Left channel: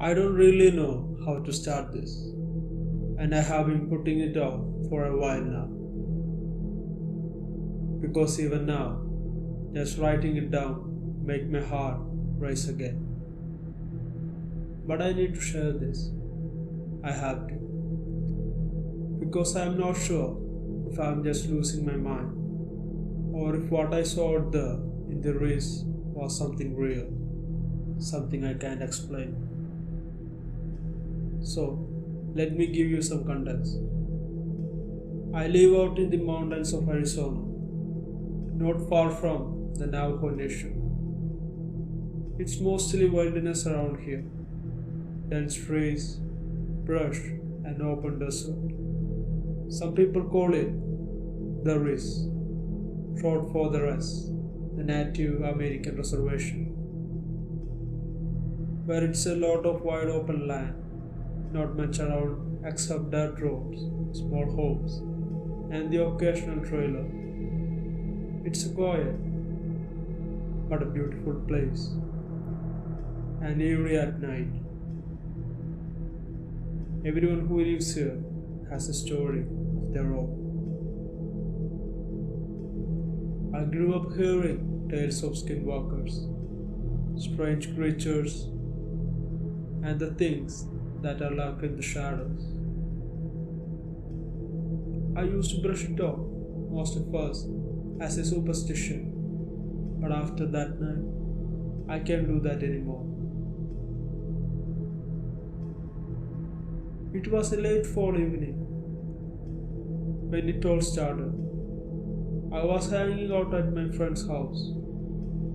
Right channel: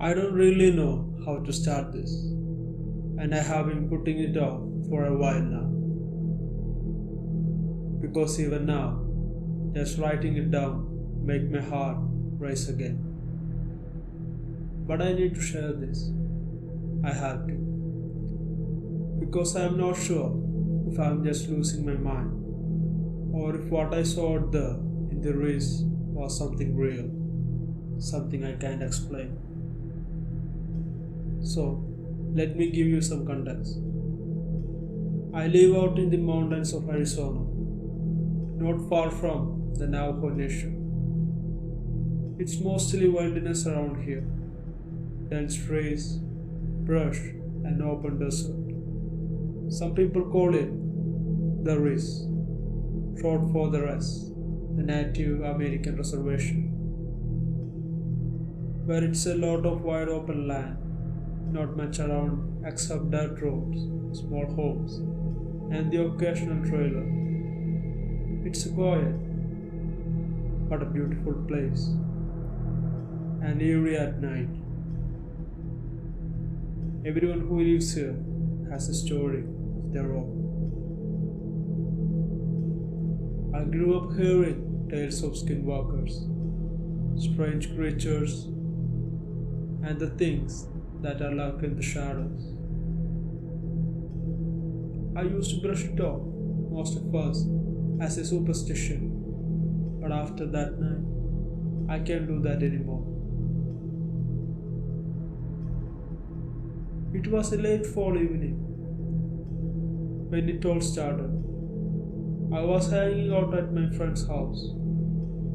I don't really know how to start this, and I have been putting it off for a while now. Because even now, just writing it down make my heart race again. But I need to share this. I have to. Because I am not sure if I am just losing my mind or if what I saw out there in the race was something real, something I can't explain. So, let me give you some context. I live out in the mountains of Arizona, not far from the Navajo Nation. It's mostly wilderness around here, dense trees, brush, and open desert. Some people call it the RIS, short for the RES, the Native American Reservation, where it's a lot of wide open land, not much around except dirt roads, small homes, and the occasional trailer. It's a quiet but a beautiful place, and eerie at night. Everyone who lives here has a story of their own. I grew up hearing tales of skinwalkers, strange creatures, and the things that are lurk in the shadows. I used to brush it off, most at first, as a superstition, but after that night, I can't do that anymore. It was a late fall evening when it all started. I was hanging out at my friend's house,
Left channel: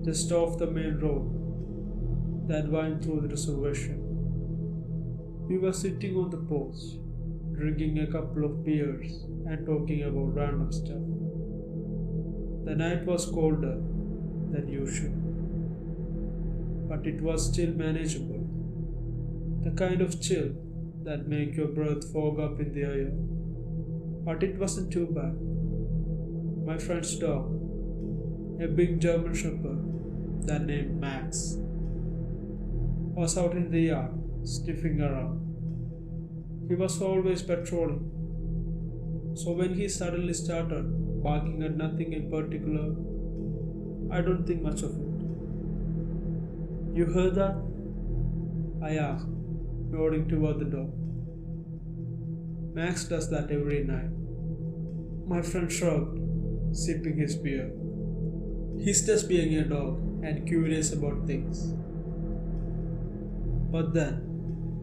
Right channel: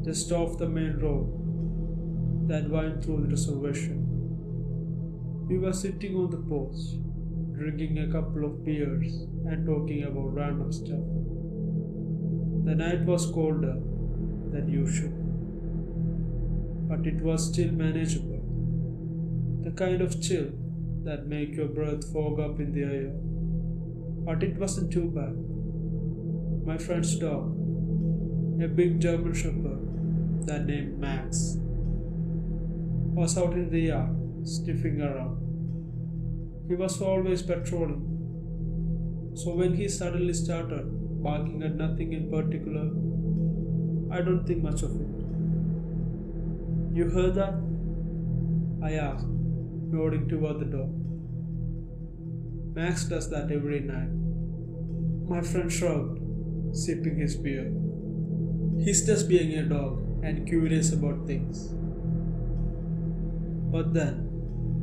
just off the main road that winds through the reservation. We were sitting on the porch, drinking a couple of beers and talking about random stuff. The night was colder than usual, but it was still manageable. The kind of chill that make your breath fog up in the air. But it wasn't too bad. My friend's dog, a big German Shepherd that named Max, was out in the yard, sniffing around. He was always patrolling. So when he suddenly started barking at nothing in particular, I don't think much of it. You heard that? I asked, nodding toward the door. Max does that every night. My friend shrugged, sipping his beer. He's just being a dog and curious about things. But then,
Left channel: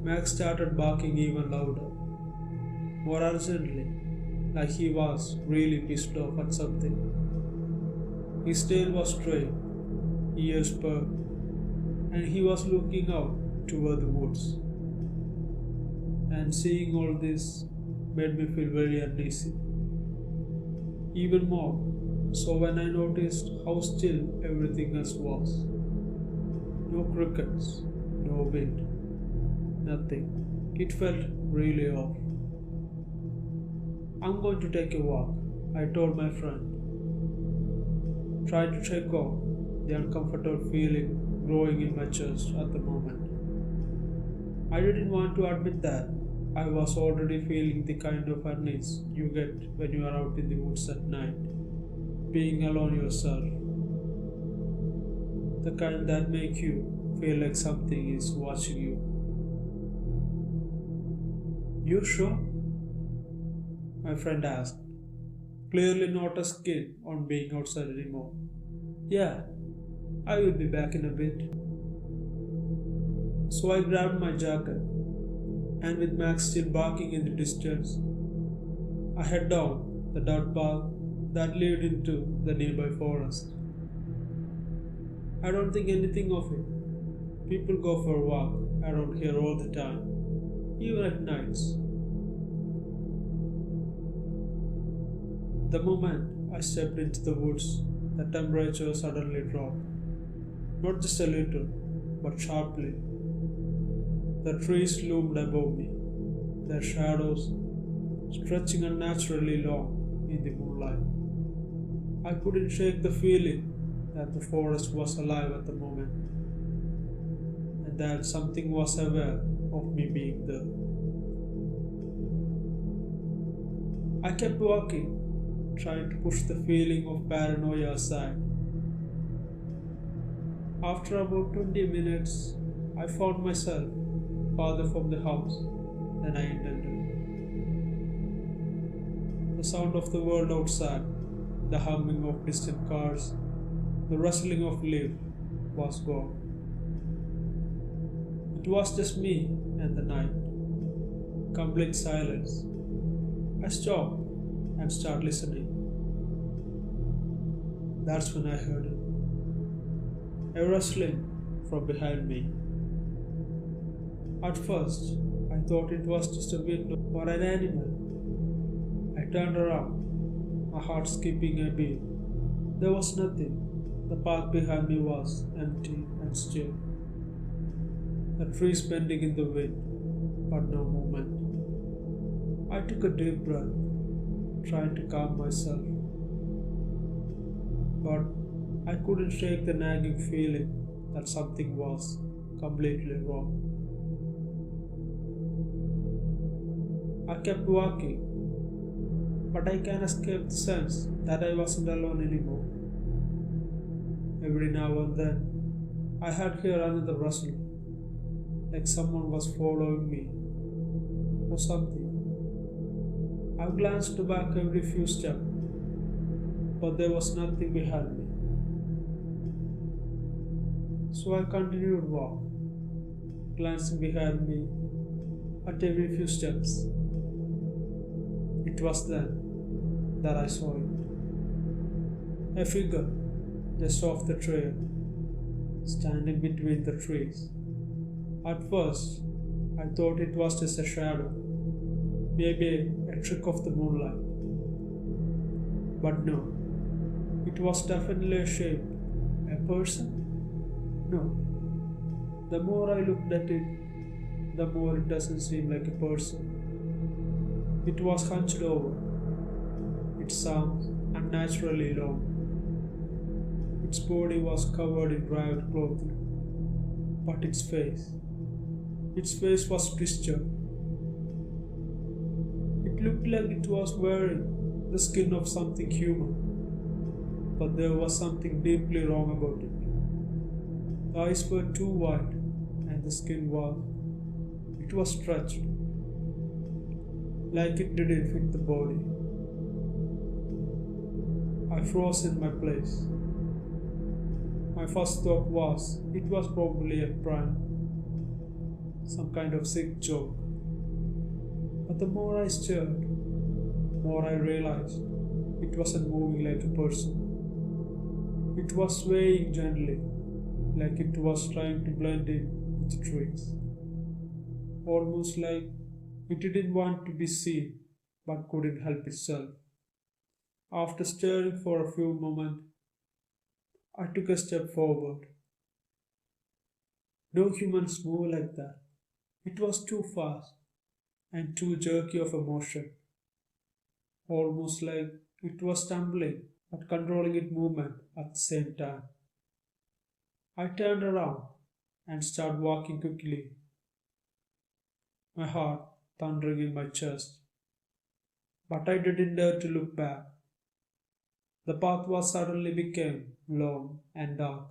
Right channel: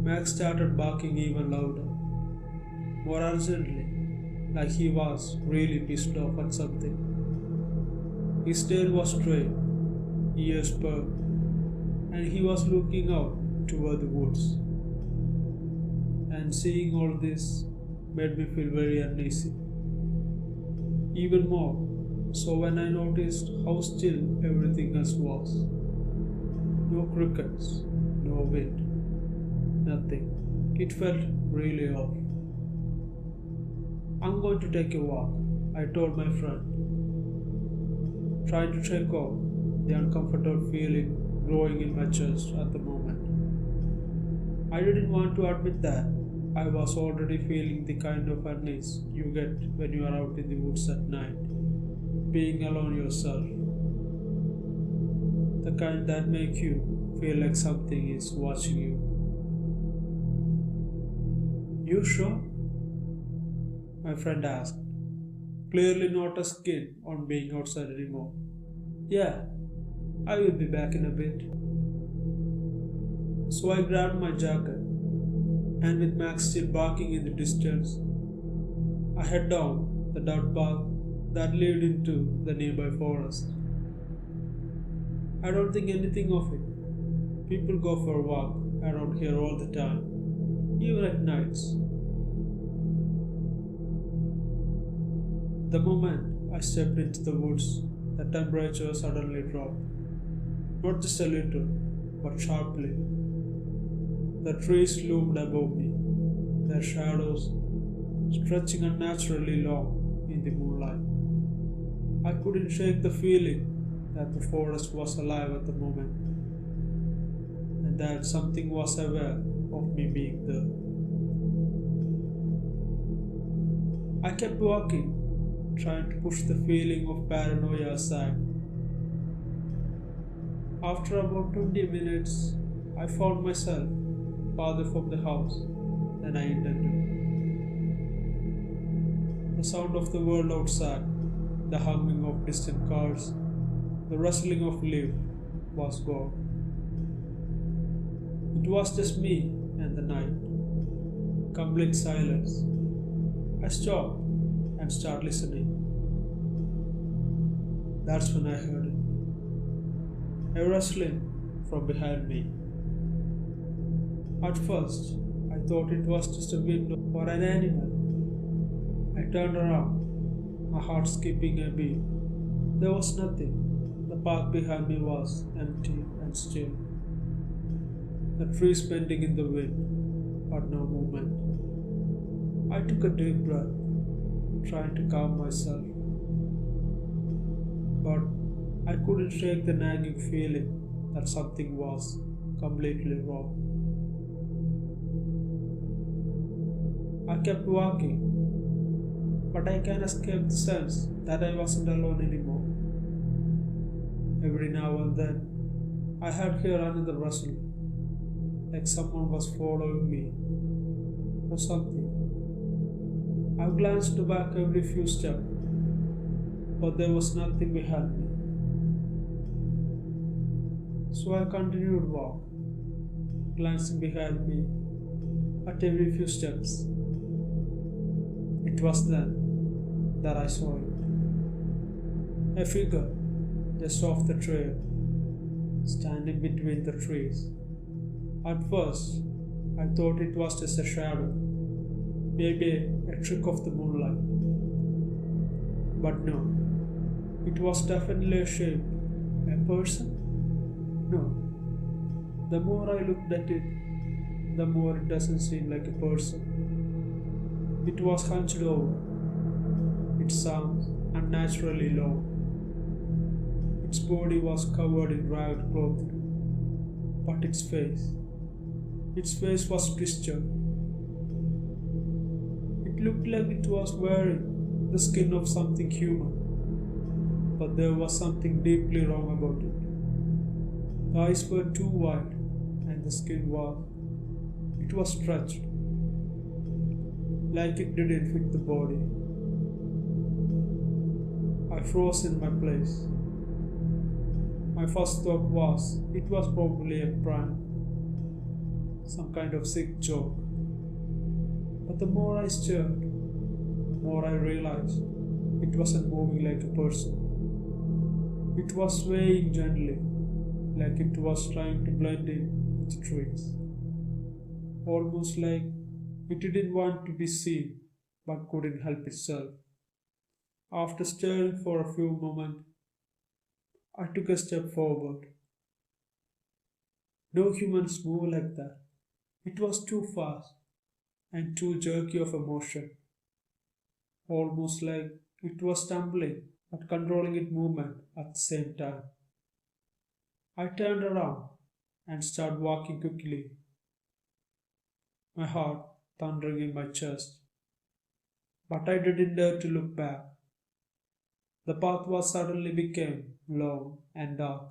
Max started barking even louder, more urgently, like he was really pissed off at something. His tail was straight, ears perked, and he was looking out toward the woods. And seeing all this made me feel very uneasy. Even more so when I noticed how still everything else was. No crickets, no wind, nothing. It felt really off. I'm going to take a walk, I told my friend, trying to shake off the uncomfortable feeling growing in my chest at the moment. I didn't want to admit that I was already feeling the kind of unease you get when you are out in the woods at night, being alone yourself. The kind that make you feel like something is watching you. You sure? My friend asked, clearly not as keen on being outside anymore. Yeah, I will be back in a bit. So I grabbed my jacket, and with Max still barking in the distance, I head down the dirt path that led into the nearby forest. I don't think anything of it. People go for a walk around here all the time, even at nights. The moment I stepped into the woods, the temperature suddenly dropped. Not just a little, but sharply. The trees loomed above me, their shadows stretching unnaturally long in the moonlight. I couldn't shake the feeling that the forest was alive at the moment, and that something was aware of me being there. I kept walking, trying to push the feeling of paranoia aside. After about 20 minutes, I found myself farther from the house than I intended. The sound of the world outside, the humming of distant cars, the rustling of leaves was gone. It was just me and the night. Complete silence. I stopped and started listening. That's when I heard it. A rustling from behind me. At first, I thought it was just a wind or an animal. I turned around, my heart skipping a beat. There was nothing. The path behind me was empty and still. The trees bending in the wind, but no movement. I took a deep breath, trying to calm myself. But I couldn't shake the nagging feeling that something was completely wrong. I kept walking, but I can't escape the sense that I wasn't alone anymore. Every now and then, I had heard another rustle, like someone was following me or something. I glanced back every few steps, but there was nothing behind me. So I continued walk, glancing behind me at every few steps. It was then that I saw it. A figure just off the trail, standing between the trees. At first, I thought it was just a shadow, maybe a trick of the moonlight. But no, it was definitely a shape. A person? No. The more I looked at it, the more it doesn't seem like a person. It was hunched over. Its arms unnaturally long. Its body was covered in ragged clothing. But its face was twisted. It looked like it was wearing the skin of something human. But there was something deeply wrong about it. The eyes were too wide and the skin was stretched, like it didn't fit the body. I froze in my place. My first thought was it was probably a prank, some kind of sick joke. But the more I stared, more I realized it wasn't moving like a person. It was swaying gently, like it was trying to blend in with the trees. Almost like it didn't want to be seen but couldn't help itself. After staring for a few moments, I took a step forward. No humans move like that. It was too fast and too jerky of a motion, almost like it was stumbling but controlling its movement at the same time. I turned around and started walking quickly, my heart thundering in my chest. But I didn't dare to look back. The path suddenly became long and dark.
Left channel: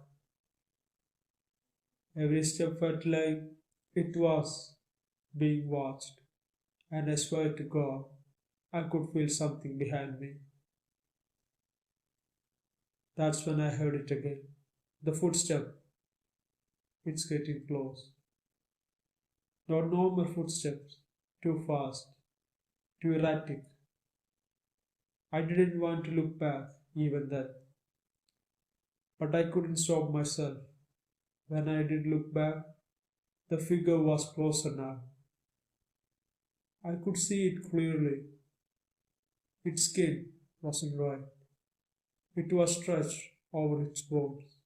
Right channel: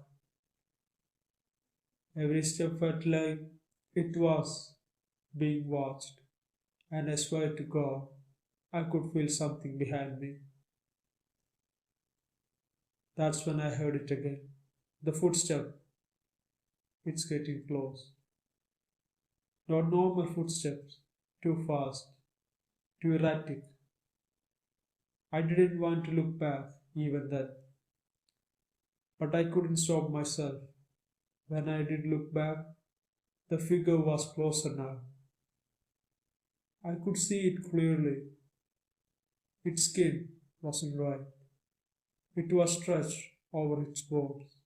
Every step felt like it was being watched, and I swear to God, I could feel something behind me. That's when I heard it again. The footstep. It's getting close. Not normal footsteps, too fast, too erratic. I didn't want to look back even then. But I couldn't stop myself. When I did look back, the figure was closer now. I could see it clearly. Its skin wasn't right. It was stretched over its bones,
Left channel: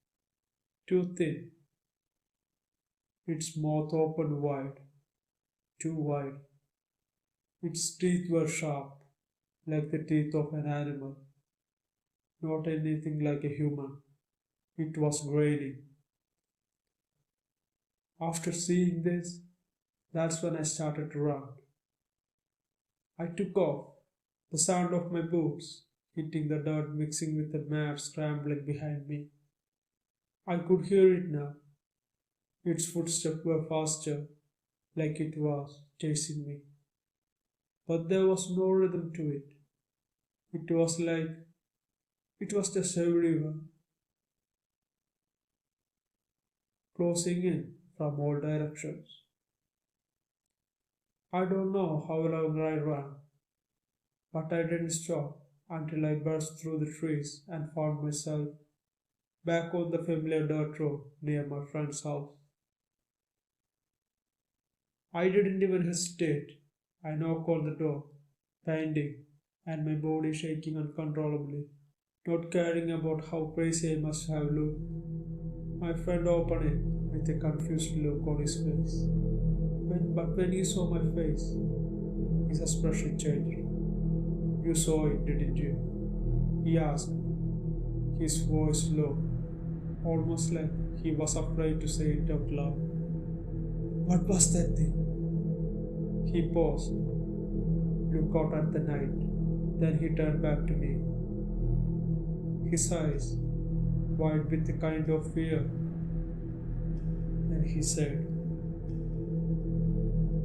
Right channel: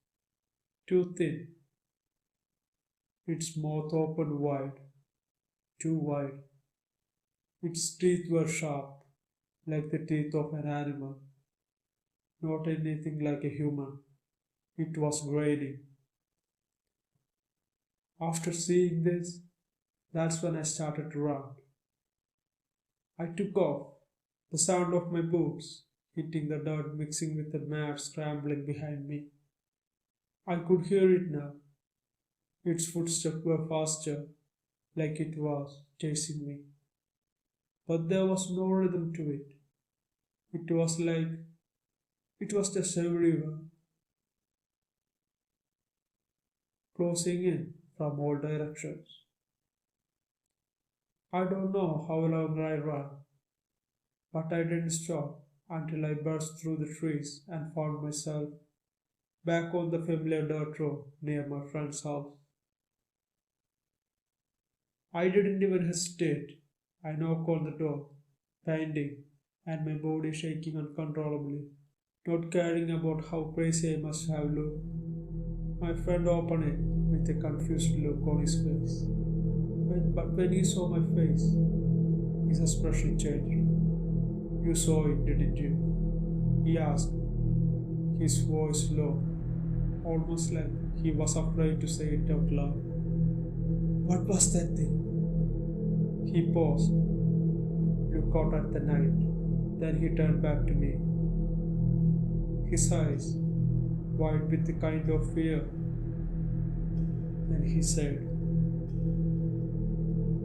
too thin. Its mouth opened wide, too wide. Its teeth were sharp, like the teeth of an animal, not anything like a human. It was grainy. After seeing this, that's when I started to run. I took off, the sound of my boots hitting the dirt mixing with the mare scrambling behind me. I could hear it now. Its footsteps were faster, like it was chasing me. But there was no rhythm to it. It was like it was just everywhere, closing in from all directions. I don't know how long I ran, but I didn't stop until I burst through the trees and found myself back on the familiar dirt road near my friend's house. I didn't even hesitate. I knocked on the door, panting, and my body shaking uncontrollably, not caring about how crazy I must have looked. My friend opened it with a confused look on his face. But when he saw my face, his expression changed. You saw it, didn't you? He asked, his voice low, almost like he was afraid to say it out loud. What was that thing? He paused, looked out at the night, then he turned back to me. His eyes wide with a kind of fear. Then he said,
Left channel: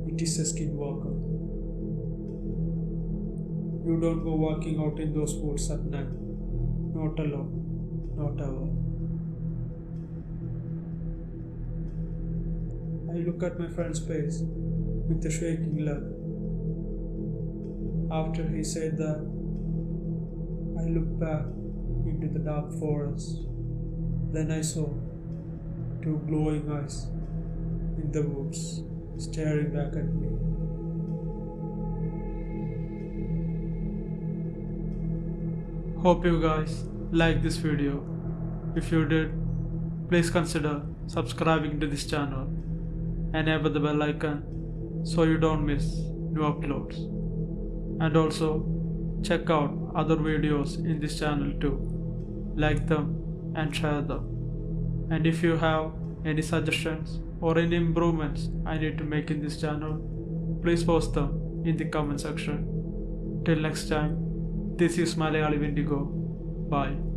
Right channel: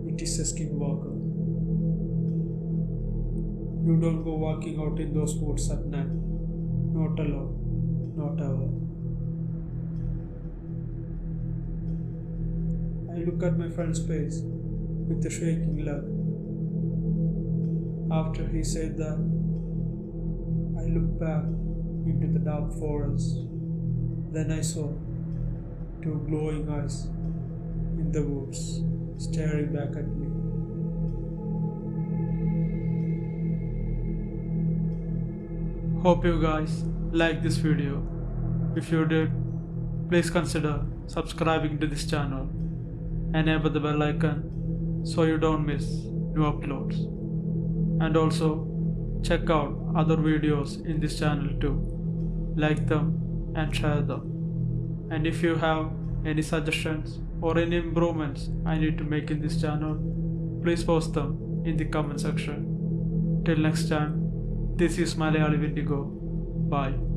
"It is a skinwalker. You don't go walking out in those woods at night. Not alone. Not ever." I look at my friend's face with a shaking leg. After he said that, I looked back into the dark forest. Then I saw two glowing eyes in the woods staring back at me. Hope you guys liked this video. If you did, please consider subscribing to this channel. Enable the bell icon so you don't miss new uploads. And also check out other videos in this channel too. Like them and share them. And if you have any suggestions or any improvements I need to make in this channel, please post them in the comment section. Till next time, this is Malayali Wendigo. Bye.